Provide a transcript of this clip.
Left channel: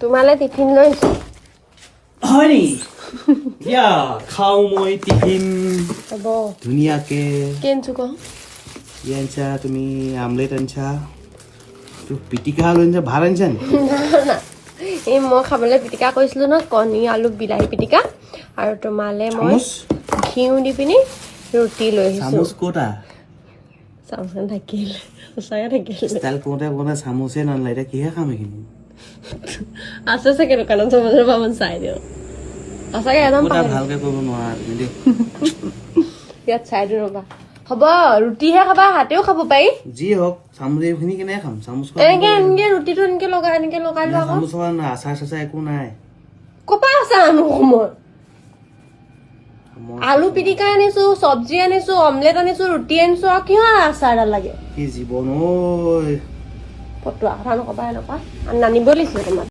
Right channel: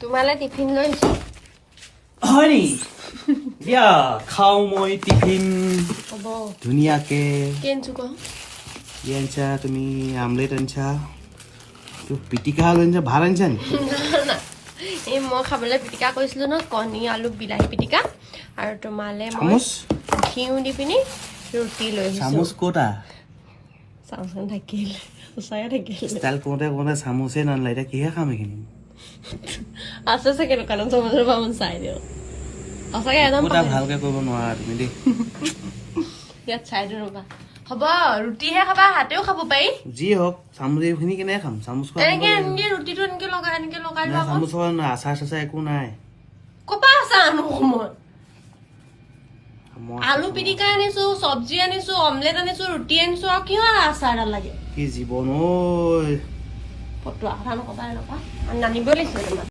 তোমালে টিফিন লৈছো হয় নি দিয়া খাওঁ মই টিফিন হ'ব ধুনীয়াকে কি আনিছো ক কি আনিছা তুমি আমলেট আনিছা তো পিটিকা আলু আনিছা ভাত আনিছা নি এই মই খাবলৈ পিটিকা কৰিছিলো ন কণী আলু বিলাহী পিটিকা আৰু তোমালে মই চামুচ ঘিউ দি পিনি ৰুটি লৈ আহিছো চামুচ ক'তা চামুচ থাকিল সঁচাই থাকিল ষ্টাইল কৰোঁতে কৰোঁতে চামুচে নানিলা এতিয়া কিহে খাম এইখিনি আছে চাগে দোকানত চামুচৰ পামান চাই দিওঁ সঁচাকে একদম ক'তা ভালকে কৰিব নোৱাৰা তুমি দেই ইয়াত চাই দিওঁ ৰবা হ'ব ৰুটিহে খাবা হাতেও খাব পাৰি যি হওক চামুচ এইখিনি কেনেকে খাম চামুচ এনেকে ৰুটিটো এনেকে লগাই লোৱা চামুচ আচাৰ চাচাৰ একো নাই কপা আছে আনো সময় আলু পিটিকা আনিছো চব্জি আনিছো অমলেট আনিছো ৰুটি আনিছো আৰু কিহৰ আচাৰ এডাল লাগে কি জীৱন ঐ ফটোৱা কথা নকবা এনেকুৱা নানিব লাগিছিলে তোমাক